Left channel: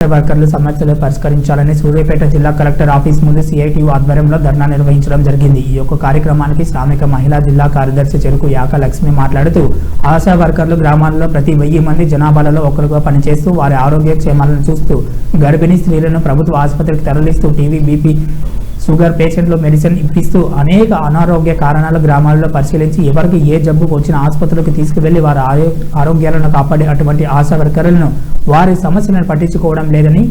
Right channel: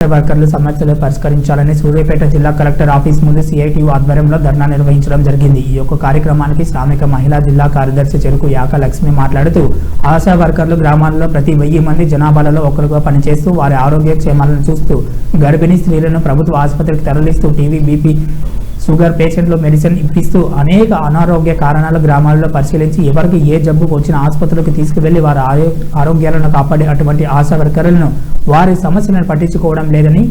వర్కర్లు సమస్యలు పరిష్కరించాలని సూర్యాపేట జిల్లా కలెక్టర్ ఆఫీస్ ముందు సిఐటి ఆధ్వర్యంలో ధర్నా నిర్వహించడం జరిగింది. ఈ యొక్క కార్యక్రమానికి శ్రామిక మహిళా జిల్లా కార్యదర్శి చెరుకు యాక లక్ష్మి మాట్లాడుతూ ఆశా వర్కర్లు గ్రామాల్లో ప్రతి వెయ్యి మంది జనాభాలలో ఒకరుగా పనిచేస్తూ వారి ఆరోగ్య క్షేమాలను చూస్తూ గర్భిణీ స్త్రీలను ప్రభుత్వ ఆసుపత్రికి తరలిస్తూ టీవీ బీపీ షుగర్ పేషెంట్లు మెడిసిన్ ఇప్పిస్తూ అనేక అనారోగ్య కారణాలు గ్రామాల్లో పరిశీలించి ఎవరికి ఏ జబ్బు వచ్చిన ఆసుపత్రులకు తీసుకువెళ్ళి వారి ఆరోగ్యాలను కాపాడే అటువంటి ఆశా వర్కర్లను వారి సమస్యలను పట్టించుకోవడం లేదని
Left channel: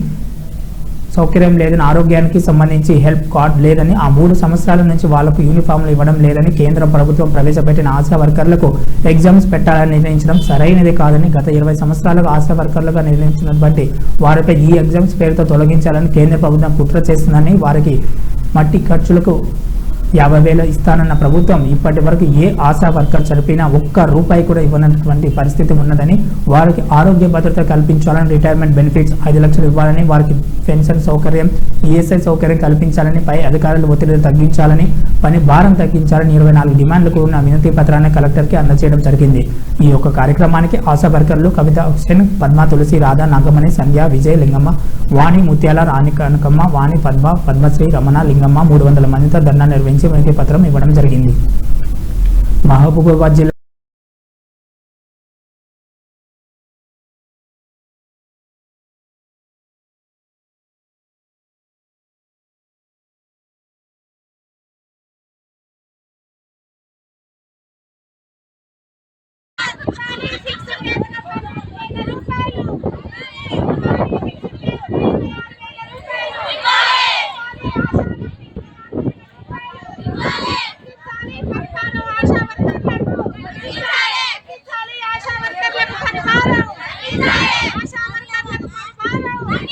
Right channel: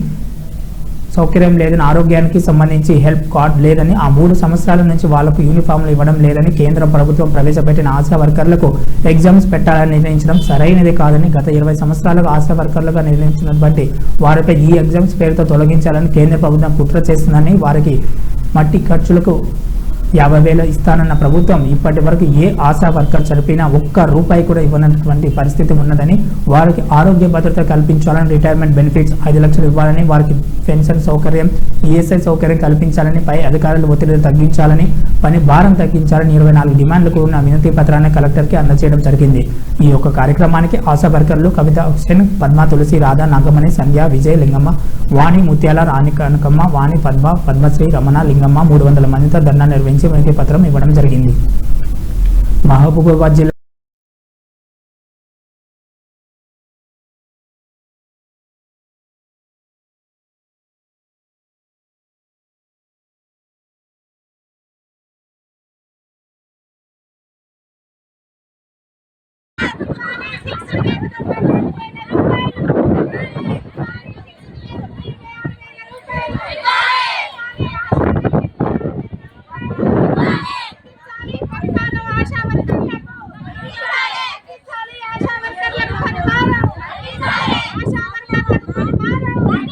సౌకర్యం లేదని ఆరోగ్యానికి సంబంధించి హెల్ప్ కార్డ్ లేదని ఆ మూడు సంవత్సరాల నుంచి వాళ్ళకు యూనిఫామ్లు ఇవ్వడం లేదని కేంద్ర ప్రభుత్వం ప్రవేశపెట్టిన ఆశా వర్కర్లకు ఎగ్జామ్స్ పెట్టాలని నిర్ణయించడం సరైనది కాదని గత ఇరవై సంవత్సరాలుగా ఆశా వర్కర్లుగా నిర్ణయించినటువంటి వారిపై ఈ ఎగ్జామ్స్ పేరుతో తొలగించాలని కేంద్ర ప్రభుత్వం కుట్ర చేస్తుందని వారికి మట్టి ఖర్చులకు యాభై వేలు ఇస్తానన్న ప్రభుత్వం ఇప్పటి వరకు ఏ ఆశా వర్కర్ చనిపోయినా ఒక్క రూపాయి కూడా ఇవ్వనటువంటి పరిస్థితి ఉన్నదని వారికి ఆరోగ్య భద్రత కల్పించాలని రిటైర్మెంట్ బెనిఫిట్స్ ఐదు లక్షలు ఇవ్వాలని వారికి పెన్షన్ సౌకర్యం ఈఎస్ఐ సౌకర్యం కల్పించాలని పై అధికారులు ఒత్తిడి తగ్గించాలని పని భారం తగ్గించాలని ఇరవై నాలుగు డిమాండ్లు కూడిన వినతి పత్రాన్ని కలెక్టర్కి అందజేయడం జరిగింది. ఈ యొక్క కార్యక్రమానికి ఆశా వర్కర్లు కవిత హుసేన్ పద్మ తులసి రాధా నాగమణి సంధ్య విజయ లింగమ్మ వాణి ముత్యాల రాణి కనకమ్మ వాణి పద్మ పద్మశ్రీ రమణ లింగమ్మ మూడు వందల మందితో ధర్నా నిర్వహించి వినతి పత్రం ఇవ్వడం జరిగింది. మహబూబాబాద్ జిల్లా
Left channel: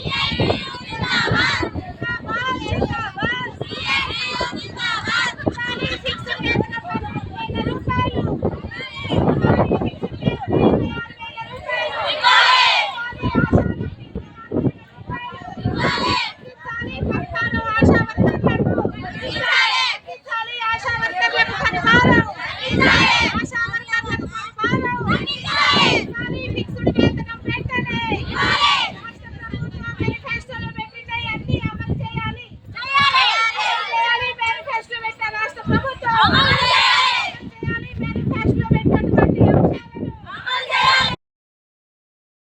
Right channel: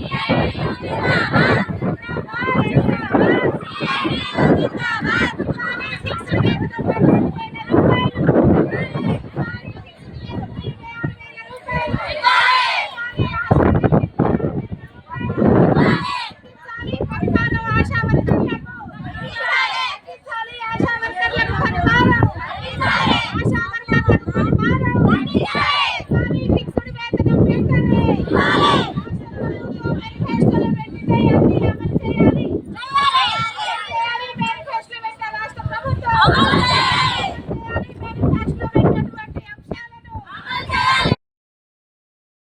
Yeah. Oh,